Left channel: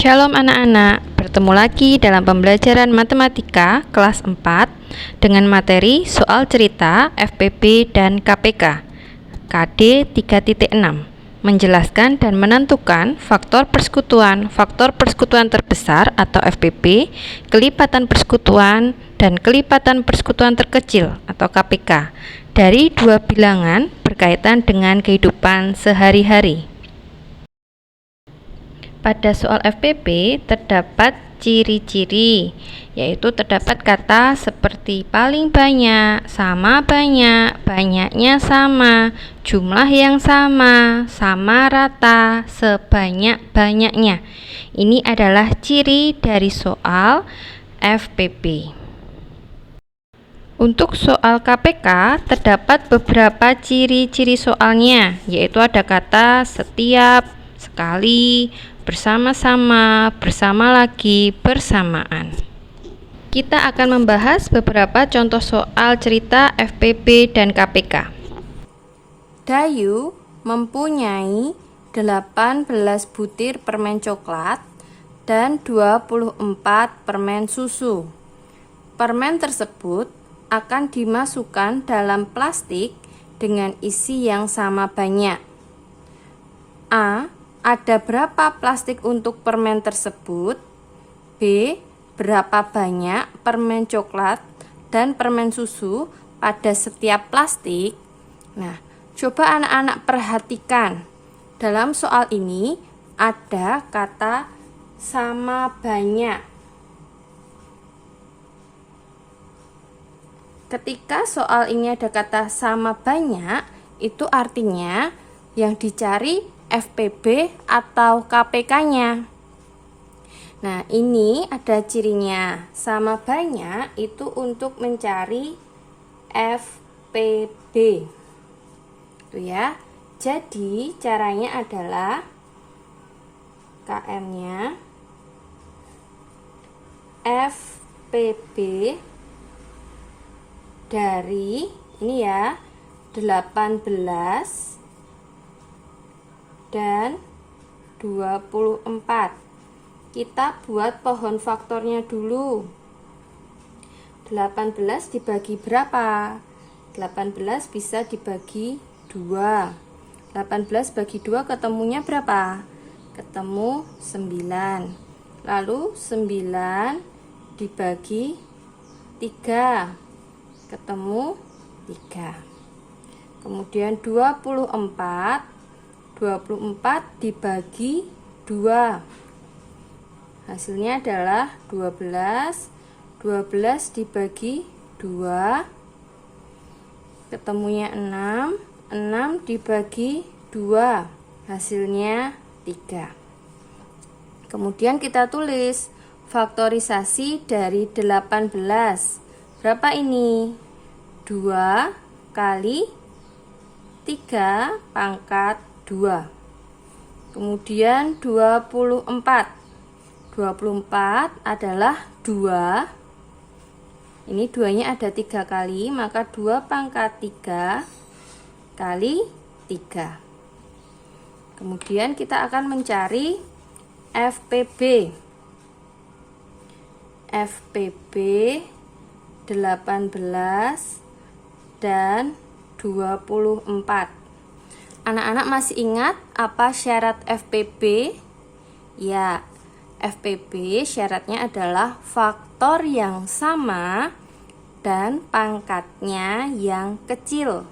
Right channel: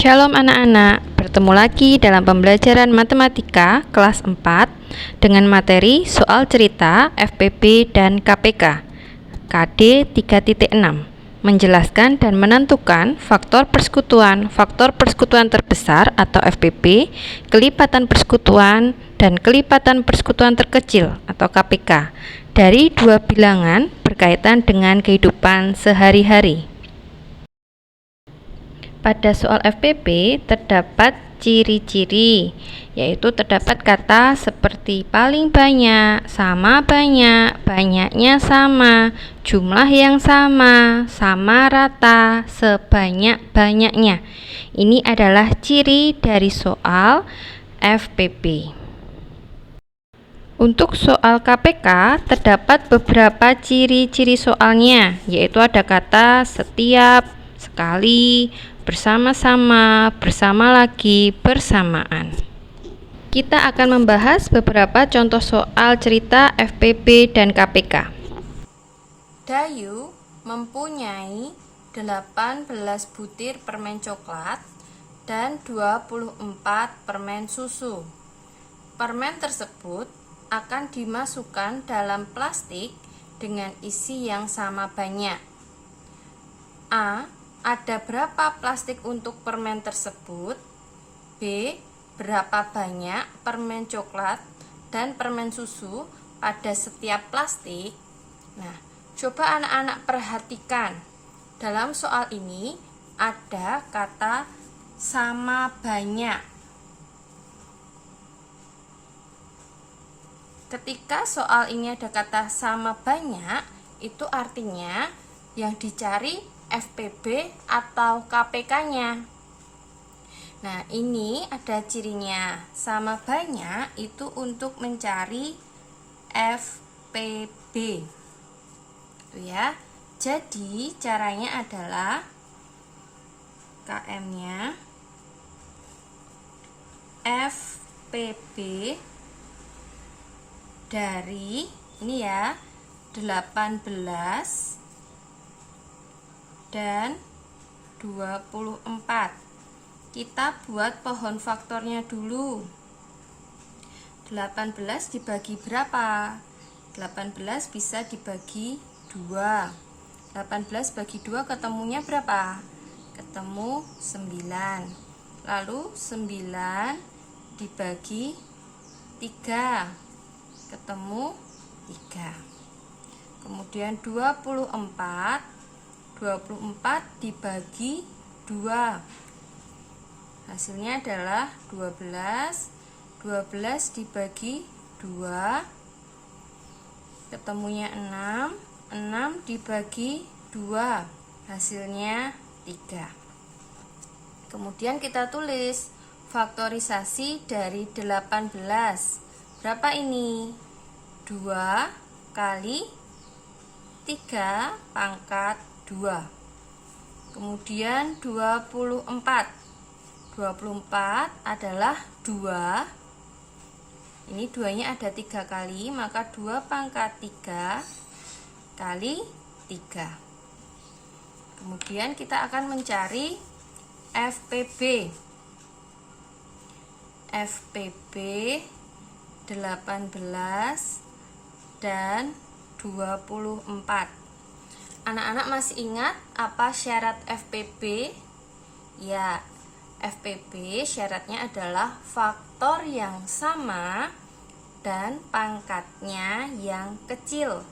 Shalom anak-anak, bertemu lagi dalam pembelajaran matematika kelas 4 dengan materi soal cerita FPB dan KPK KD 3.6 menjelaskan dan menentukan faktor persekutuan terbesar atau FPB, kelipatan persekutuan dan kelipatan persekutuan terkecil atau KPK dari dua bilangan berkaitan dengan kehidupan sehari-hari. Pada soal FPB terdapat ciri-ciri, yaitu terdapat kata seperti paling banyak, sama banyak, banyaknya sama, jumlah yang sama rata, sebanyak-banyaknya. Ini adalah ciri dari soal FPB. Untuk soal KPK terdapat beberapa ciri-ciri soalnya, yaitu ada kata setiap, sekali, bersama-sama, bersama lagi, bersamaan. Kita akan membahas beberapa contoh soal cerita FPB dan KPK. Dayu mempunyai 18 butir permen coklat dan 24 permen susu. Permen tersebut akan dimasukkan dalam plastik dengan isi yang sama banyak. A. Ada berapa plastik untuk permen tersebut? B. Berapa banyak permen coklat dan permen susu pada setiap plastik? Nah, coba anak-anak perhatikan. Dalam soal ini ada kata sama banyak. Ketika soal ini ada kata sama banyak, itu artinya yang dicari FPB atau KPK-nya. Nah, ini ada cirinya. Sama banyak itu untuk mencari FPB. Itu ya. Jadi, caranya adalah KM-nya FPB dari ini ya, 18 dan 24. Kita buat pohon faktornya dulu. 18 dibagi berapa? 18 bisa dibagi 2. 18 bagi 2 ketemunya berapa? Ketemu 9. Lalu 9 dibagi 3. Ketemu 3. Kemudian 24 dibagi 2. Hasilnya adalah 12. 12 dibagi 2. Ketemunya 6. 6 dibagi 2. Hasilnya 3. Kemudian kita tulis faktorisasi dari 18. Berapa ini? 2 kali 3 pangkat 2. Kemudian 24. 24 adalah 2. Ini 2-nya ada 3 kali, maka 2 pangkat 3 kali 3. Kemudian kita akan mencari FPB. FPB 18 dan 24. Anak-anak masih ingat apa syarat FPB? Ya, FPB syaratnya adalah faktor yang sama dan pangkatnya yang kecil.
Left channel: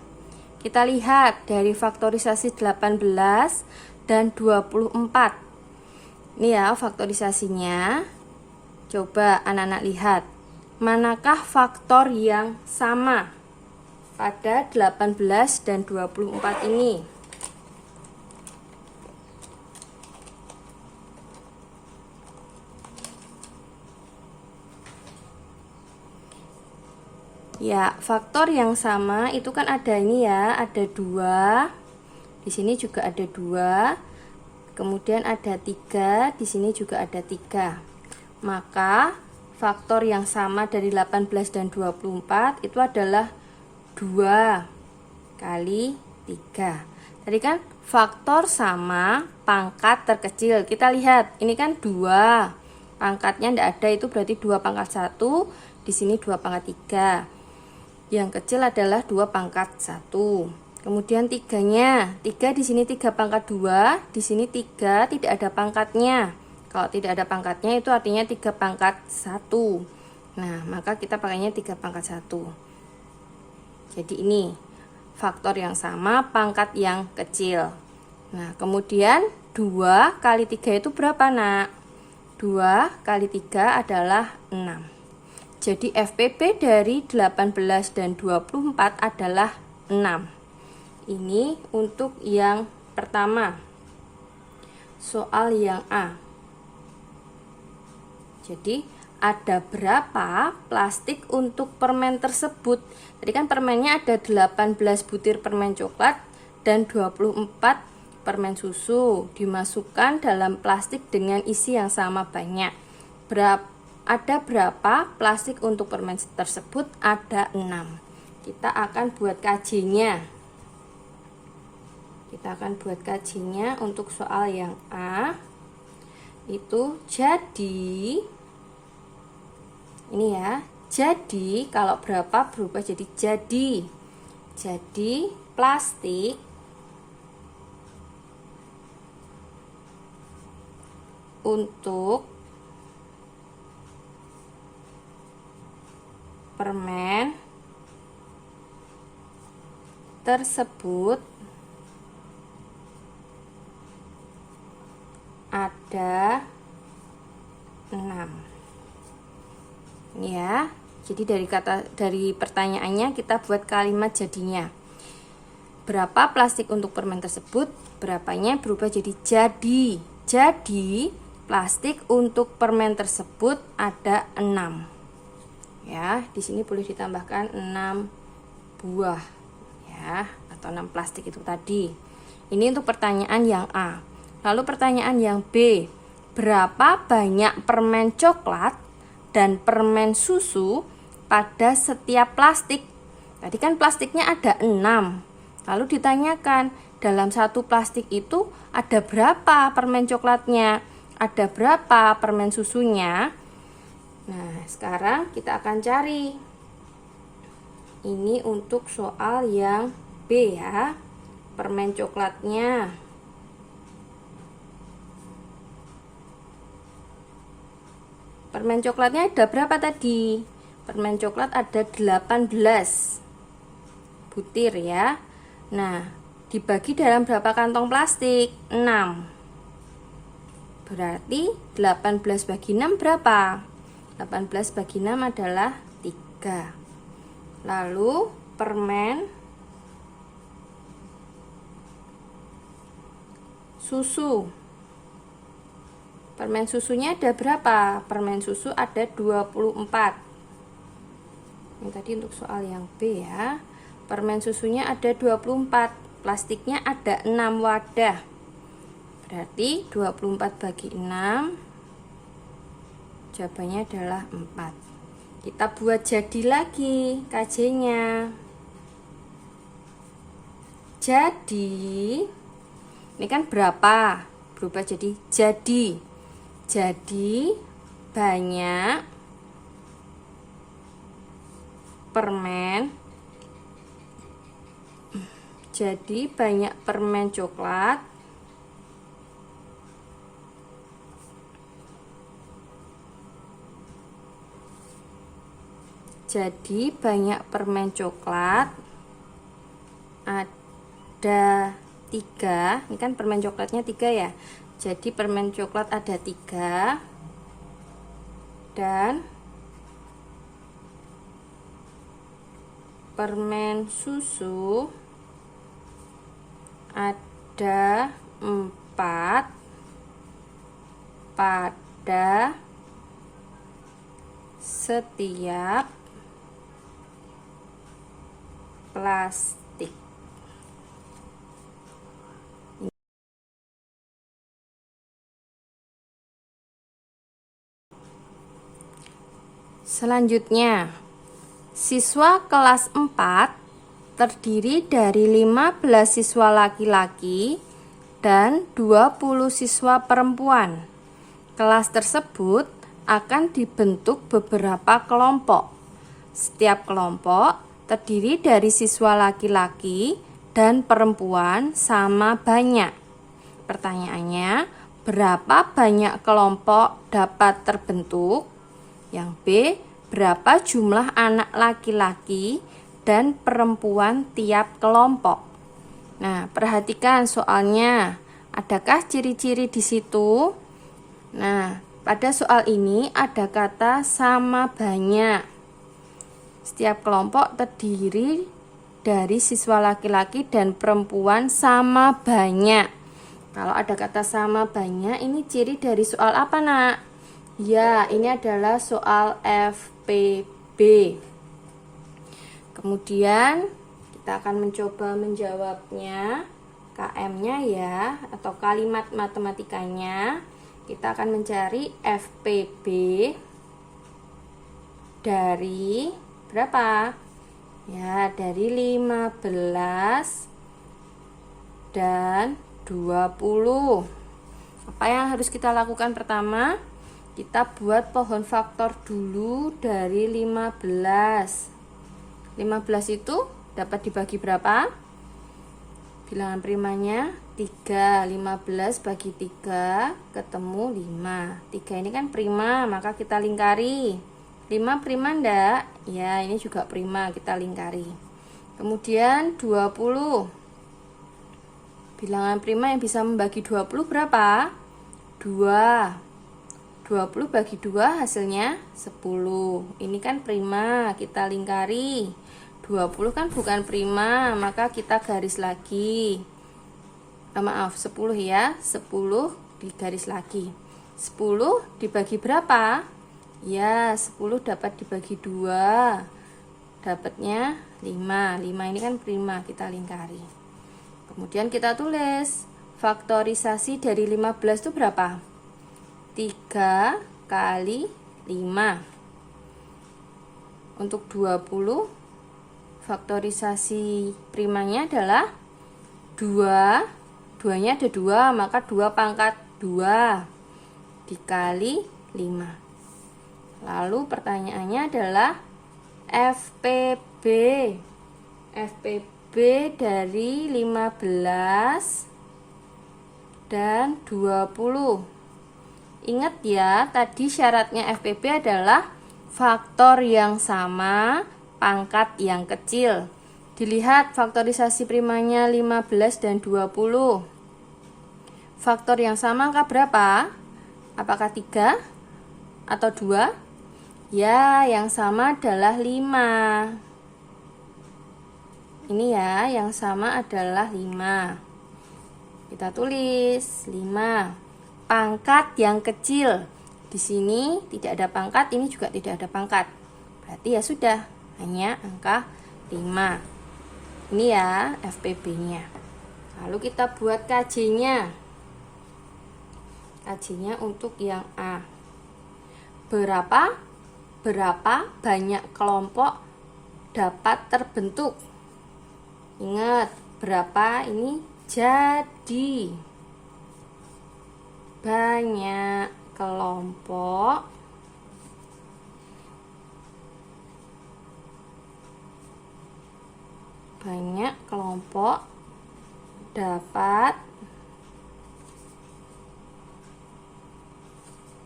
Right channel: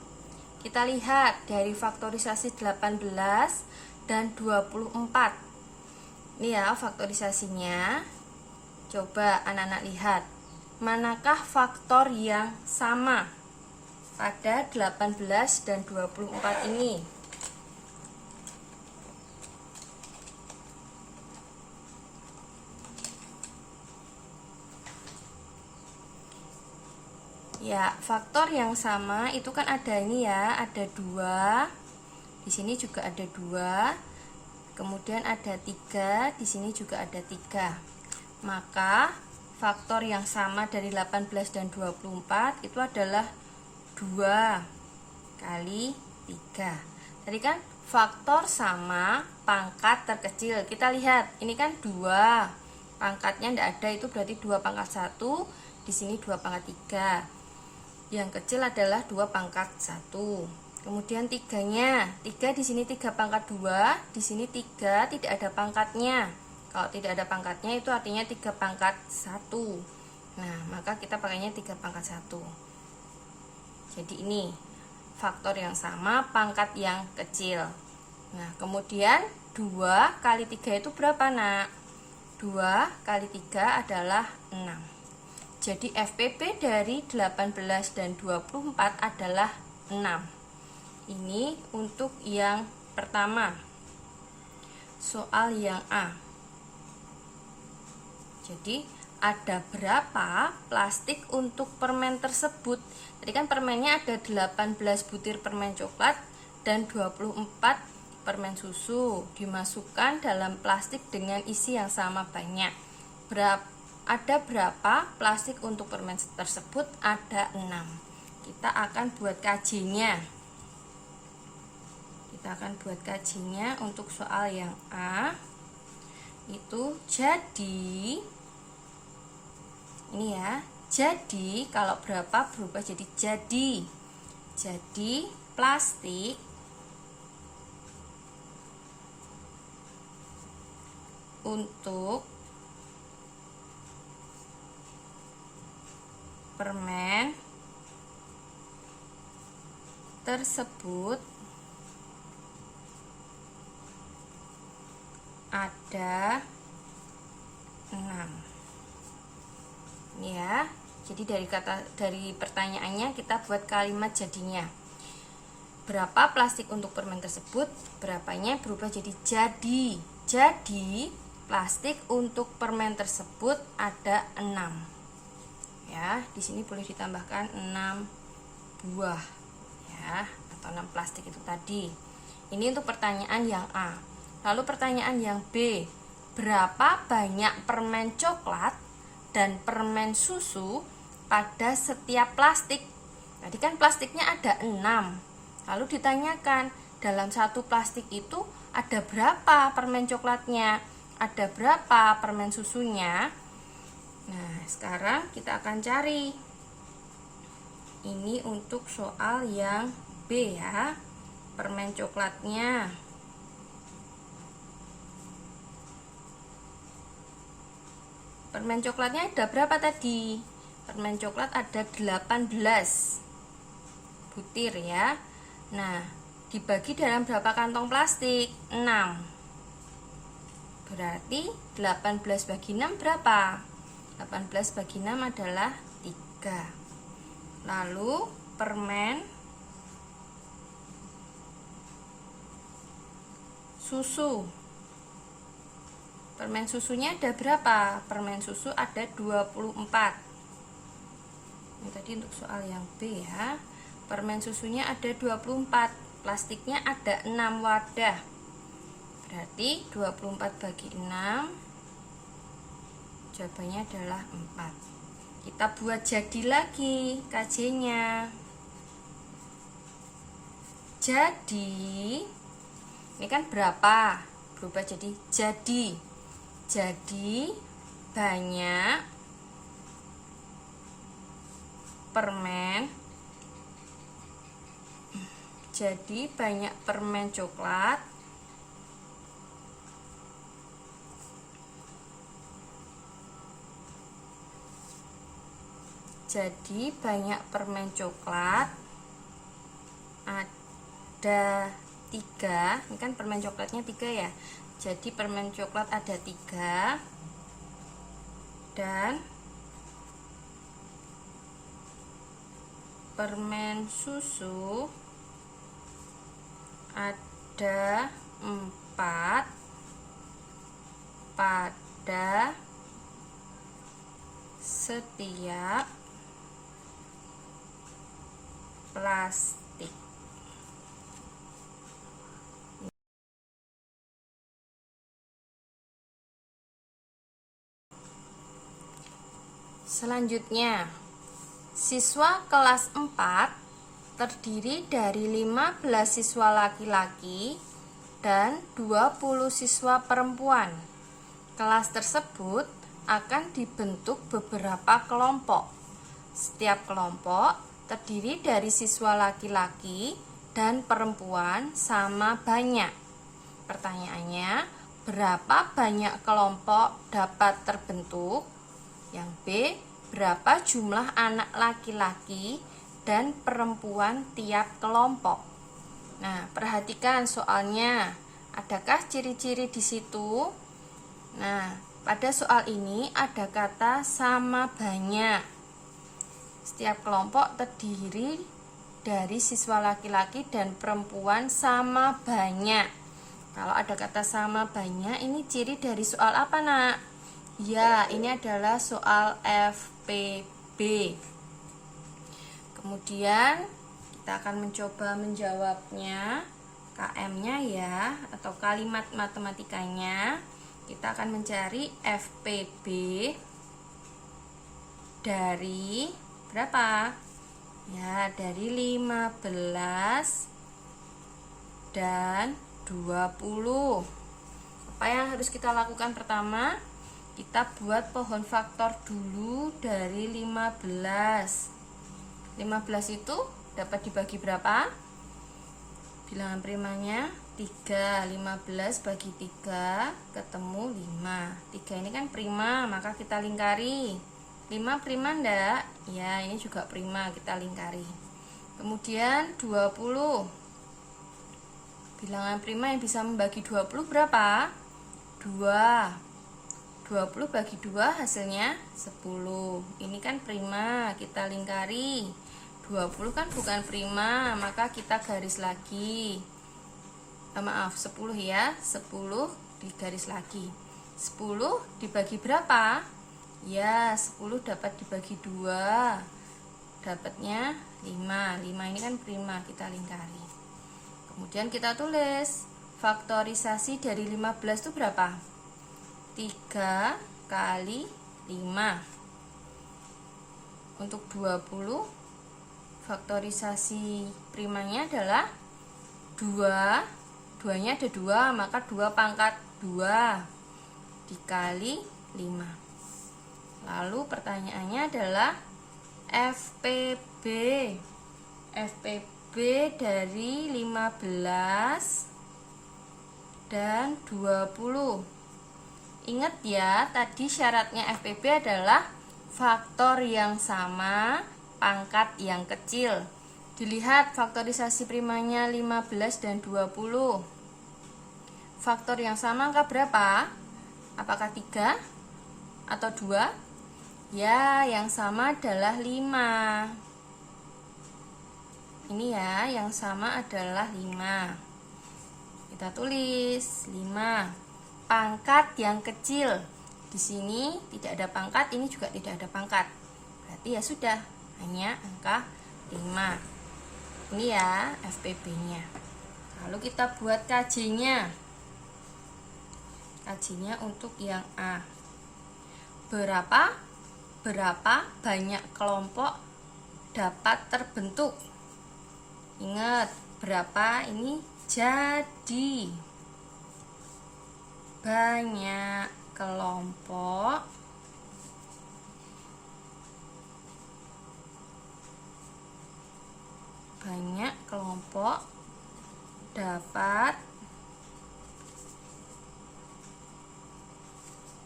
Kita lihat dari faktorisasi 18 dan 24. Ini ya faktorisasinya. Coba anak-anak lihat. Manakah faktor yang sama pada 18 dan 24 ini? Ya, faktor yang sama itu kan ada ini ya, ada 2. Di sini juga ada 2. Kemudian ada 3, di sini juga ada 3. Maka faktor yang sama dari 18 dan 24 itu adalah 2 kali 3. Tadi kan faktor sama pangkat terkecil. Kita lihat, ini kan 2. Pangkatnya tidak ada, itu berarti 2 pangkat 1. Di sini 2 pangkat 3. Yang kecil adalah 2 pangkat 1. Kemudian 3-nya. 3 di sini 3 pangkat 2, di sini 3 tidak ada pangkatnya. Kalau tidak ada pangkatnya itu artinya 3 pangkat 1. Nah, maka kita pakainya 3 pangkat 1. Jadi ini faktor yang sama, pangkat yang kecil. Nah, kemudian 2 kali 3 itu berapa, Nak? 2 kali 3 adalah 6. Jadi FPP dari 18 dan 24 adalah 6. Ini untuk yang pertama. Soal yang A. Jadi ada berapa plastik untuk permen tersebut? Tadi kan permennya ada 18 butir permen coklat dan 24 permen susu. Dimasukkan dalam plastik dengan isi yang sama banyak. Ada berapa plastik untuk permen tersebut? Ada 6. Kita akan buat KJ-nya. Untuk soal yang A. Itu jadi ini ya, jadi kalau berapa berubah jadi jadi plastik untuk permen tersebut ada 6. Ini ya. Jadi dari pertanyaannya kita buat kalimat jadinya. Berapa plastik untuk permen tersebut? Berapanya berubah jadi jadi. Jadi plastik untuk permen tersebut ada 6. Ya, di sini boleh ditambahkan 6 buah ya, atau 6 plastik itu tadi. Ini untuk pertanyaan yang A. Lalu pertanyaan yang B. Berapa banyak permen coklat dan permen susu pada setiap plastik? Tadi kan plastiknya ada 6. Lalu ditanyakan, dalam satu plastik itu ada berapa permen coklatnya? Ada berapa permen susunya? Nah, sekarang kita akan cari. Ini untuk soal yang B ya. Permen coklatnya. Permen coklatnya ada berapa tadi? Permen coklat ada 18 butir ya. Nah, dibagi dalam berapa kantong plastik? 6. Berarti 18 bagi 6 berapa? 18 bagi 6 adalah 3. Lalu permen susu. Permen susunya ada berapa? Permen susu ada 24. Ini tadi untuk soal yang B ya. Permen susunya ada 24. Plastiknya ada 6 wadah. Berarti 24 bagi 6. Jawabannya adalah 4. Kita buat jadi lagi KJ-nya. Jadi ini kan berapa? Berubah jadi jadi. Jadi banyak permen. Jadi banyak permen coklat ada 3. Ini kan permen coklatnya 3 ya. Jadi permen coklat ada 3 dan permen susu ada 4 pada setiap plastik. Selanjutnya, siswa kelas 4 terdiri dari 15 siswa laki-laki dan 20 siswa perempuan. Kelas tersebut akan dibentuk beberapa kelompok. Setiap kelompok terdiri dari siswa laki-laki dan perempuan sama banyak. Pertanyaannya, berapa banyak kelompok dapat terbentuk? Yang B, berapa jumlah anak laki-laki dan perempuan tiap kelompok? Nah, perhatikan soalnya. Adakah ciri-ciri di situ? Nah, pada soal ini ada kata sama banyak. Setiap kelompok terdiri dari siswa laki-laki dan perempuan sama banyak. Kalau ada kata sama banyak, ini ciri dari soal apa, Nak? Ya, ini adalah soal FPB. Kemudian kita akan mencoba menjawabnya, KM-nya ya, atau kalimat matematikanya. Kita akan mencari FPB dari berapa? Ya, dari 15 dan 20. Apa yang harus kita lakukan pertama? Kita buat pohon faktor dulu dari 15. 15 itu dapat dibagi berapa? Bilangan primanya 3. 15 bagi 3 ketemu 5. 3 ini kan prima, maka kita lingkari. 5 prima enggak? Ya, ini juga prima, kita lingkari. Kemudian 20. Bilangan prima yang bisa membagi 20 berapa? 2. 20 bagi 2 hasilnya 10. Ini kan prima, kita lingkari. 20 kan bukan prima, maka kita garis lagi. Maaf, 10 ya. 10 digaris lagi. 10 dibagi berapa? Ya, 10 dapat dibagi 2. Dapatnya 5. 5 ini kan prima, kita lingkari. Kemudian kita tulis faktorisasi dari 15 itu berapa? 3 kali 5. Untuk 20 faktorisasi primanya adalah 2. 2-nya ada 2, maka 2 pangkat 2 dikali 5. Lalu pertanyaannya adalah FPB. FPB dari 15 dan 20. Ingat ya, tadi syaratnya FPB adalah faktor yang sama, pangkat yang kecil. Dilihat faktorisasi primanya 15 dan 20. Faktor yang sama angka berapa? Apakah 3 atau 2? Ya, yang sama adalah 5. Ini ya, yang sama adalah 5. Kita tulis 5. Pangkat yang kecil. Di sini tidak ada pangkat, ini juga tidak ada pangkat. Berarti ya sudah, hanya angka 5. Ini ya FPB-nya. Lalu kita buat KJ-nya. KJ-nya untuk yang A. Berapa banyak kelompok dapat terbentuk? Ingat, berapa ini jadi. Banyak kelompok dapat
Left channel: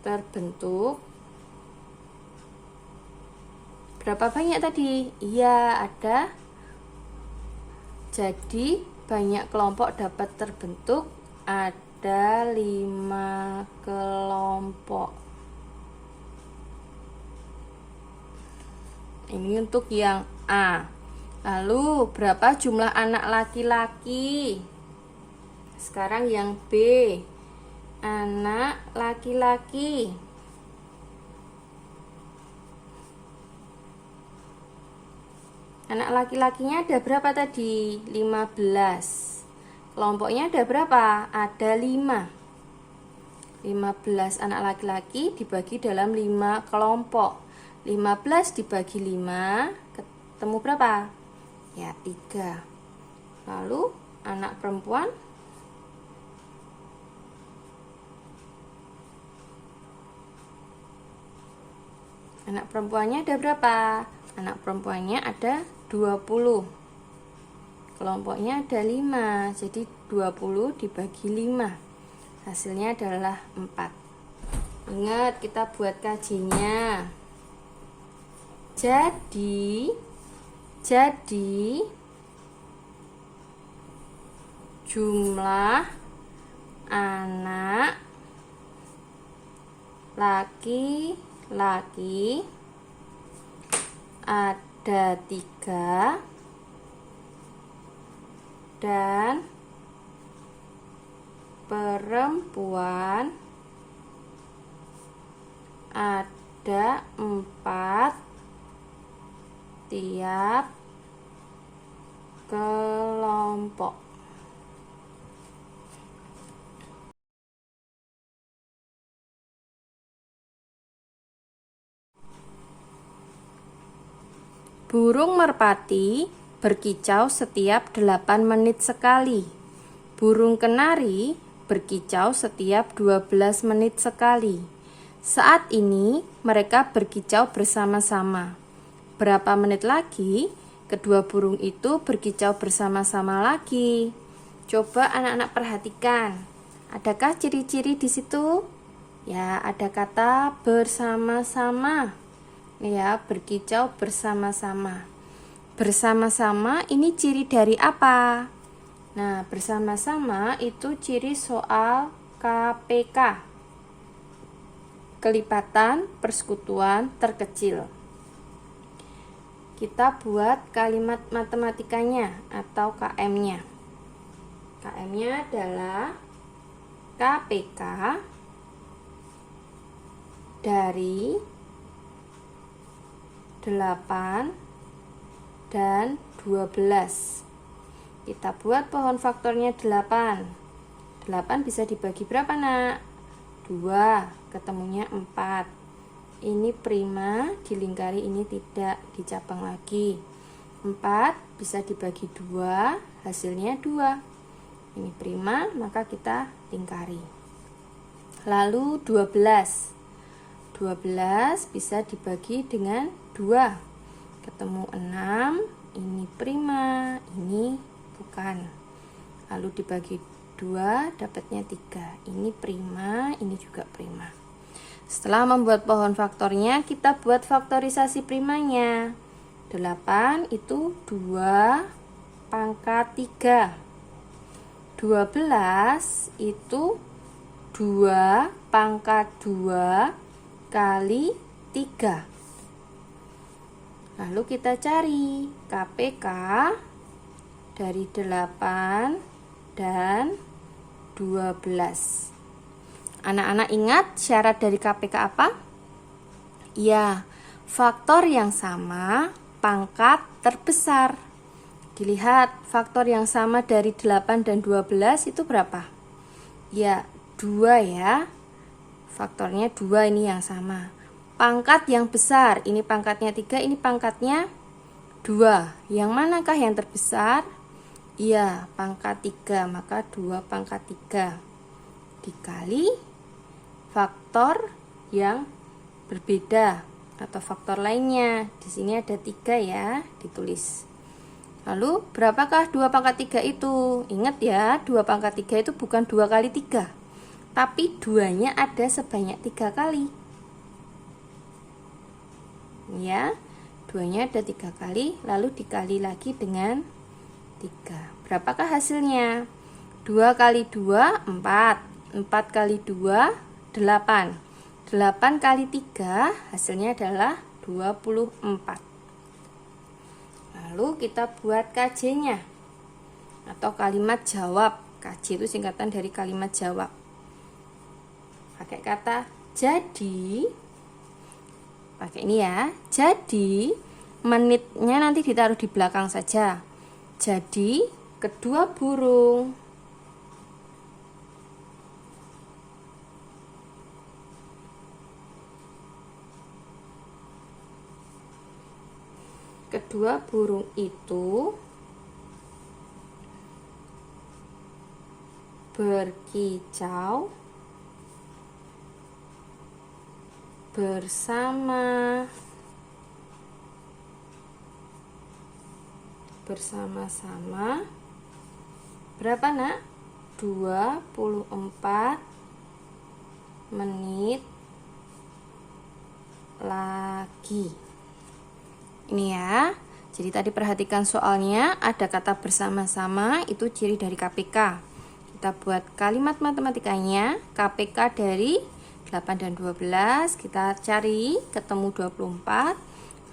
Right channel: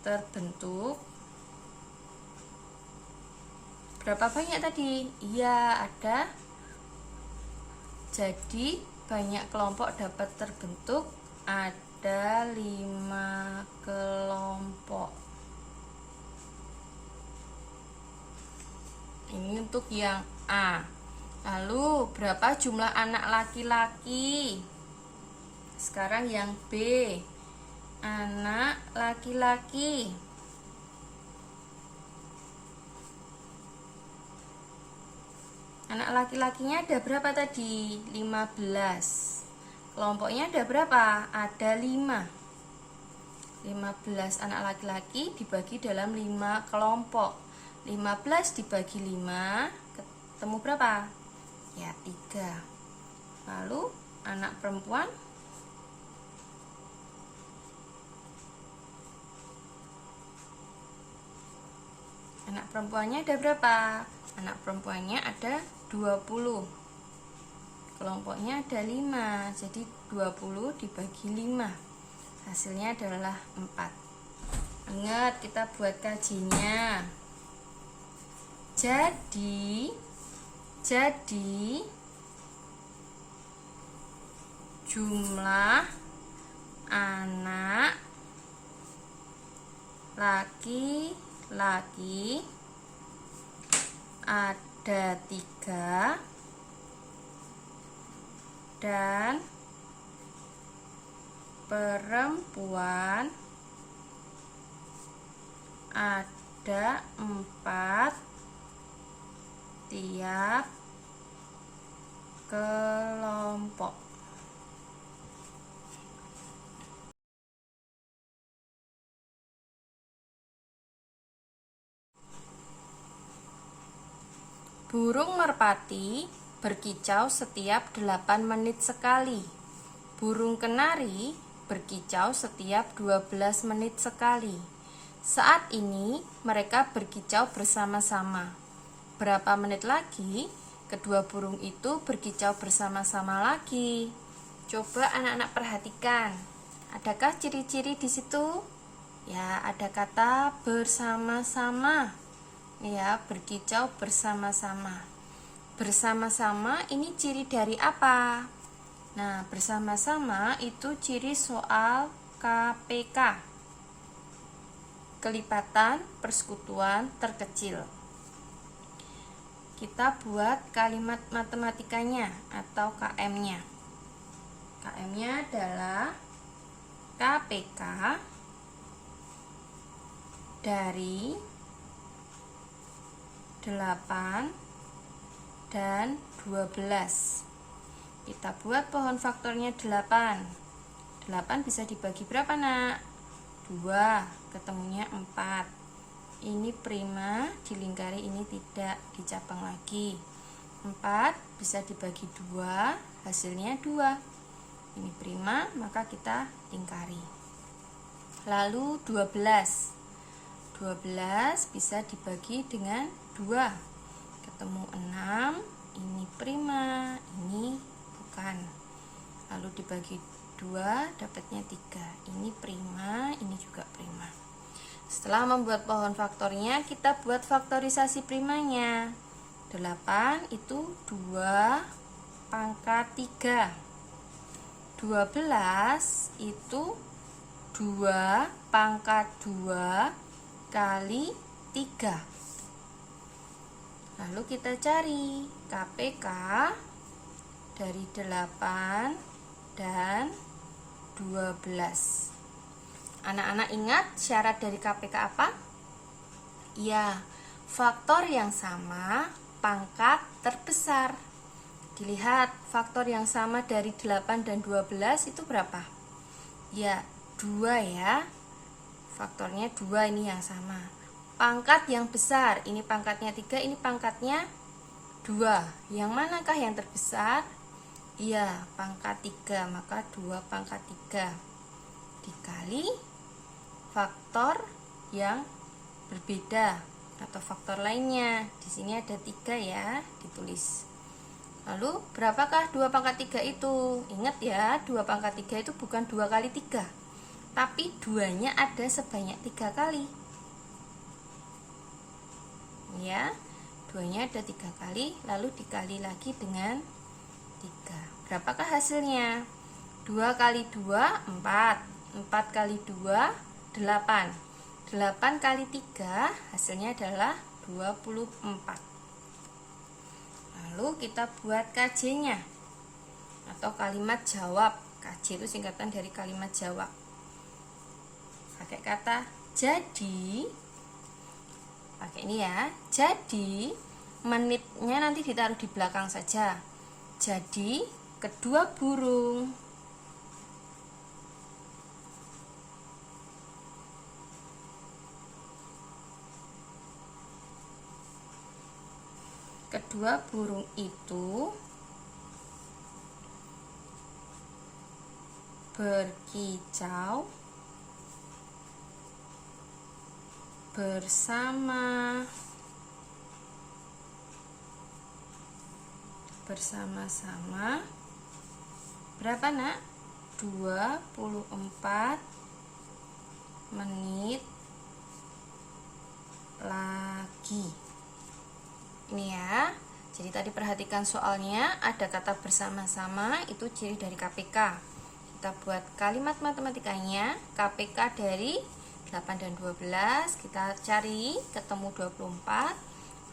terbentuk. Berapa banyak tadi? Iya, ada. Jadi banyak kelompok dapat terbentuk, ada 5 kelompok. Ini untuk yang A. Lalu berapa jumlah anak laki-laki? Sekarang yang B. Anak laki-laki. Anak laki-lakinya ada berapa tadi? 15. Kelompoknya ada berapa? Ada 5. 15 anak laki-laki dibagi dalam 5 kelompok. 15 dibagi 5 ketemu berapa? Ya, 3. Lalu anak perempuan Anak perempuannya ada berapa? Anak perempuannya ada 20. Kelompoknya ada 5. Jadi 20 dibagi 5. Hasilnya adalah 4. Ingat, kita buat kajinya. Jadi jumlah anak laki-laki ada 3 dan perempuan ada 4 tiap kelompok. Burung merpati berkicau setiap 8 menit sekali. Burung kenari berkicau setiap 12 menit sekali. Saat ini mereka berkicau bersama-sama. Berapa menit lagi kedua burung itu berkicau bersama-sama lagi? Coba anak-anak perhatikan. Adakah ciri-ciri di situ? Ya, ada kata bersama-sama. Ya, berkicau bersama-sama. Bersama-sama ini ciri dari apa? Nah, bersama-sama itu ciri soal KPK. Kelipatan persekutuan terkecil. Kita buat kalimat matematikanya atau KM-nya. KM-nya adalah KPK dari 8 dan 12. Kita buat pohon faktornya 8. 8 bisa dibagi berapa, Nak? 2, ketemunya 4. Ini prima, dilingkari ini tidak, dicabang lagi. 4 bisa dibagi 2, hasilnya 2. Ini prima, maka kita lingkari. Lalu 12. 12 bisa dibagi dengan 2, ketemu 6, ini prima, ini bukan. Lalu dibagi 2 dapatnya 3, ini prima, ini juga prima. Setelah membuat pohon faktornya, kita buat faktorisasi primanya. 8 itu 2 pangkat 3. 12 itu 2 pangkat 2 kali 3. Lalu kita cari KPK dari 8 dan 12. Anak-anak ingat syarat dari KPK apa? Ya, faktor yang sama, pangkat terbesar. Dilihat, faktor yang sama dari 8 dan 12 itu berapa? Ya, 2 ya. Faktornya 2 ini yang sama. Pangkat yang besar, ini pangkatnya 3, ini pangkatnya 2. Yang manakah yang terbesar? Iya, pangkat 3, maka 2 pangkat 3 dikali faktor yang berbeda atau faktor lainnya. Di sini ada 3 ya, ditulis. Lalu berapakah 2 pangkat 3 itu? Ingat ya, 2 pangkat 3 itu bukan 2 kali 3, tapi 2-nya ada sebanyak 3 kali. Ya, 2-nya ada 3 kali, lalu dikali lagi dengan 3. Berapakah hasilnya? 2 kali 2, 4. 4 kali 2, 8. 8 kali 3, hasilnya adalah 24. Lalu kita buat KJ-nya atau kalimat jawab. KJ itu singkatan dari kalimat jawab. Pakai kata jadi. Pakai ini ya. Jadi menitnya nanti ditaruh di belakang saja. Jadi kedua burung itu berkicau bersama-sama berapa nak? 24 menit lagi. Ini ya. Jadi tadi perhatikan soalnya ada kata bersama-sama, itu ciri dari KPK. Kita buat kalimat matematikanya. KPK dari 8 dan 12 kita cari ketemu 24.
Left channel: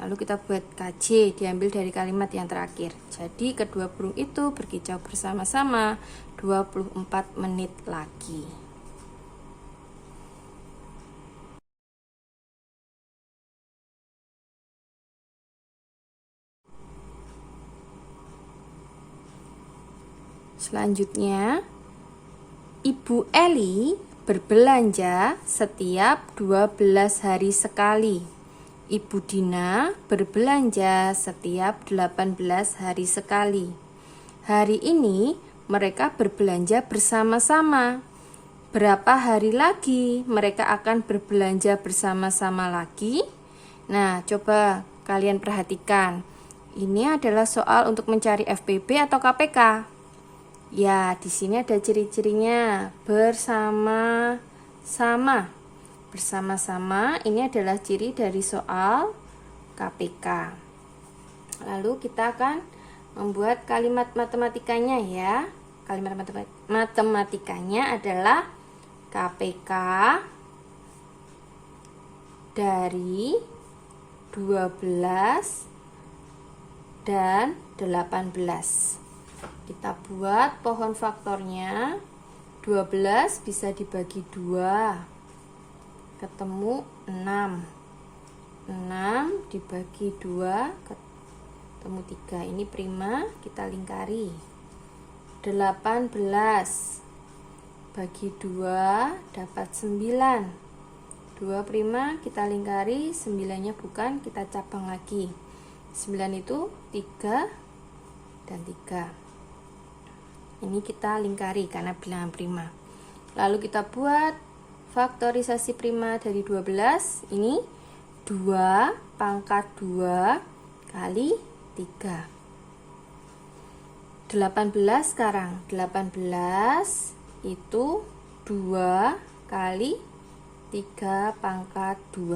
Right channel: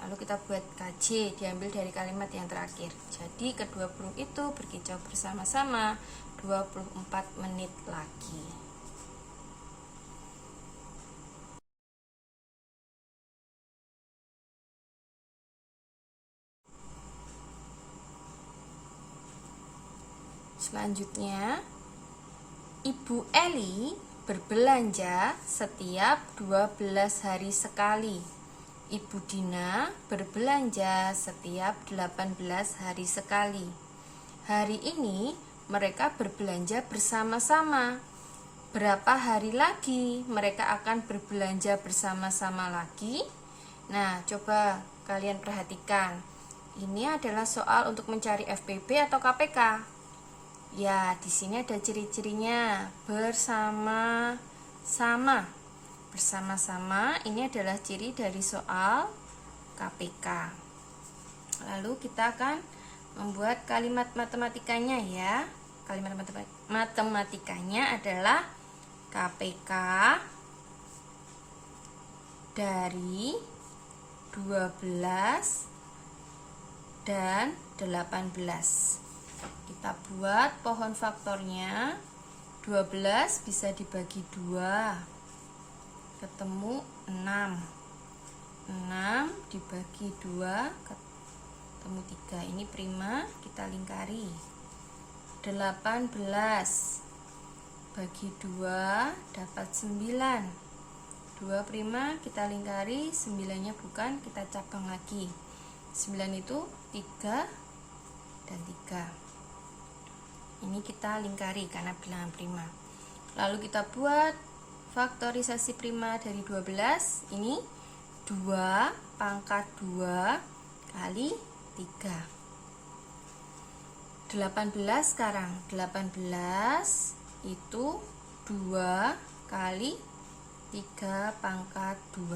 Lalu kita buat KJ diambil dari kalimat yang terakhir. Jadi kedua burung itu berkicau bersama-sama 24 menit lagi. Selanjutnya, Ibu Eli berbelanja setiap 12 hari sekali. Ibu Dina berbelanja setiap 18 hari sekali. Hari ini mereka berbelanja bersama-sama. Berapa hari lagi mereka akan berbelanja bersama-sama lagi? Nah, coba kalian perhatikan. Ini adalah soal untuk mencari FPP atau KPK. Ya, di sini ada ciri-cirinya. Bersama-sama. Bersama-sama ini adalah ciri dari soal KPK. Lalu kita akan membuat kalimat matematikanya ya. Kalimat matematikanya adalah KPK dari 12 dan 18. Kita buat pohon faktornya. 12 bisa dibagi 2, ketemu 6. 6 dibagi 2 ketemu 3. Ini prima, kita lingkari. 18 bagi 2 dapat 9. 2 prima, kita lingkari. 9-nya bukan, kita cabang lagi. 9 itu 3 dan 3. Ini kita lingkari karena bilangan prima. Lalu kita buat faktorisasi prima dari 12. Ini 2 pangkat 2 kali 3. 18 sekarang. 18 itu 2 kali 3 pangkat 2.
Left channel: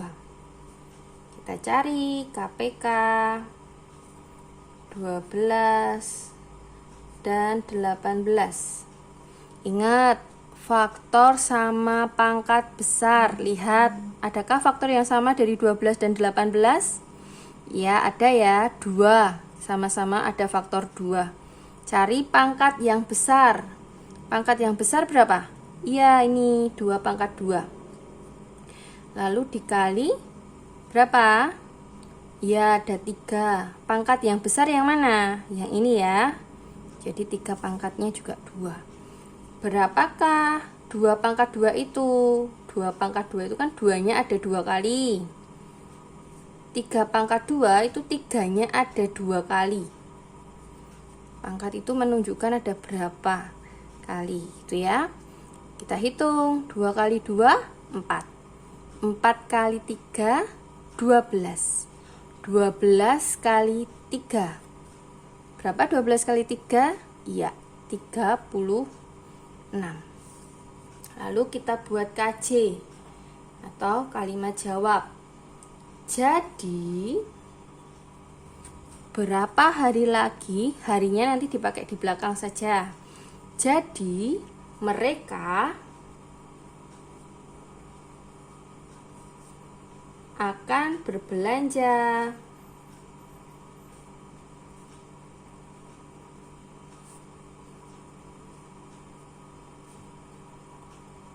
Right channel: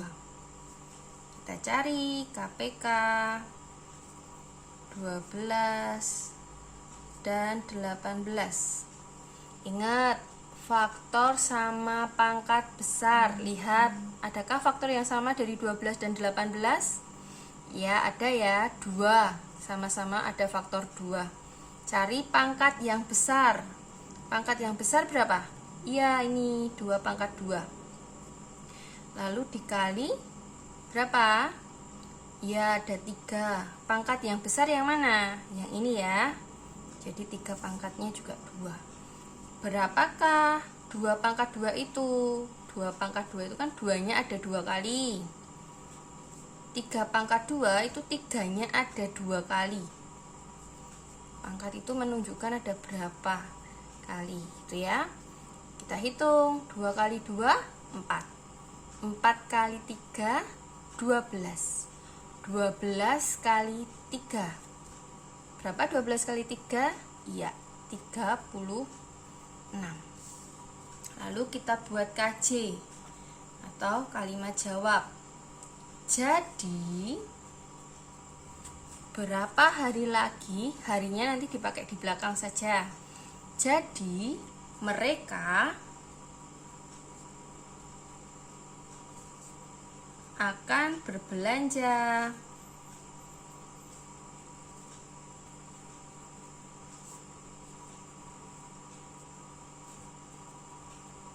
Kita cari KPK 12 dan 18. Ingat, faktor sama pangkat besar. Lihat, adakah faktor yang sama dari 12 dan 18? Ya, ada ya, 2. Sama-sama ada faktor 2. Cari pangkat yang besar. Pangkat yang besar berapa? Iya, ini 2 pangkat 2. Lalu dikali berapa? Ya, ada 3. Pangkat yang besar yang mana? Yang ini ya. Jadi 3 pangkatnya juga 2. Berapakah 2 pangkat 2 itu? 2 pangkat 2 itu kan 2-nya ada 2 kali. 3 pangkat 2 itu 3-nya ada 2 kali. Pangkat itu menunjukkan ada berapa kali. Itu ya. Kita hitung. 2 kali 2, 4. 4 kali 3, 12. 12 kali 3. Berapa 12 kali 3? Iya, 36. Lalu kita buat KJ atau kalimat jawab. Jadi, berapa hari lagi? Harinya nanti dipakai di belakang saja. Jadi, mereka akan berbelanja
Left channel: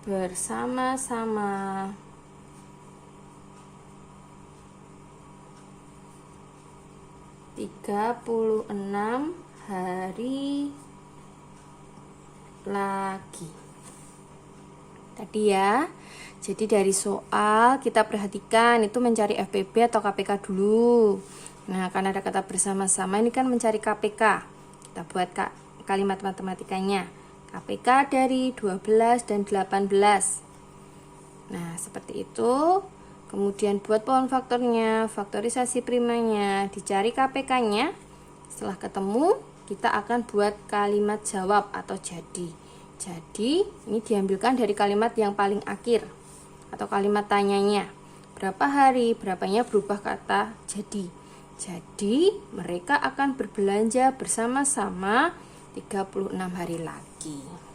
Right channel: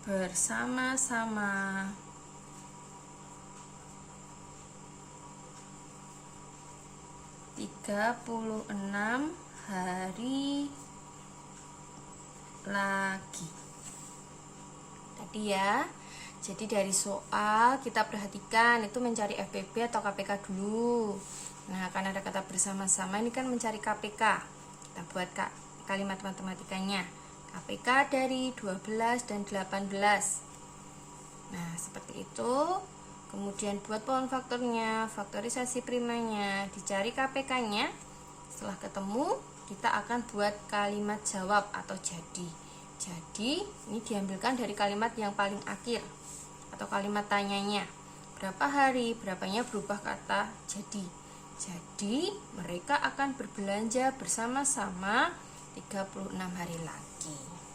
bersama-sama 36 hari lagi. Tadi ya. Jadi dari soal kita perhatikan itu mencari FPP atau KPK dulu. Nah, karena ada kata bersama-sama ini kan mencari KPK. Kita buat kalimat matematikanya. KPK dari 12 dan 18. Nah, seperti itu. kemudian buat pohon faktornya, faktorisasi primanya, dicari KPK-nya. Setelah ketemu, kita akan buat kalimat jawab atau jadi. Jadi, ini diambilkan dari kalimat yang paling akhir atau kalimat tanyanya. Berapa hari, berapanya berubah kata jadi. Jadi, mereka akan berbelanja bersama-sama 36 hari lagi.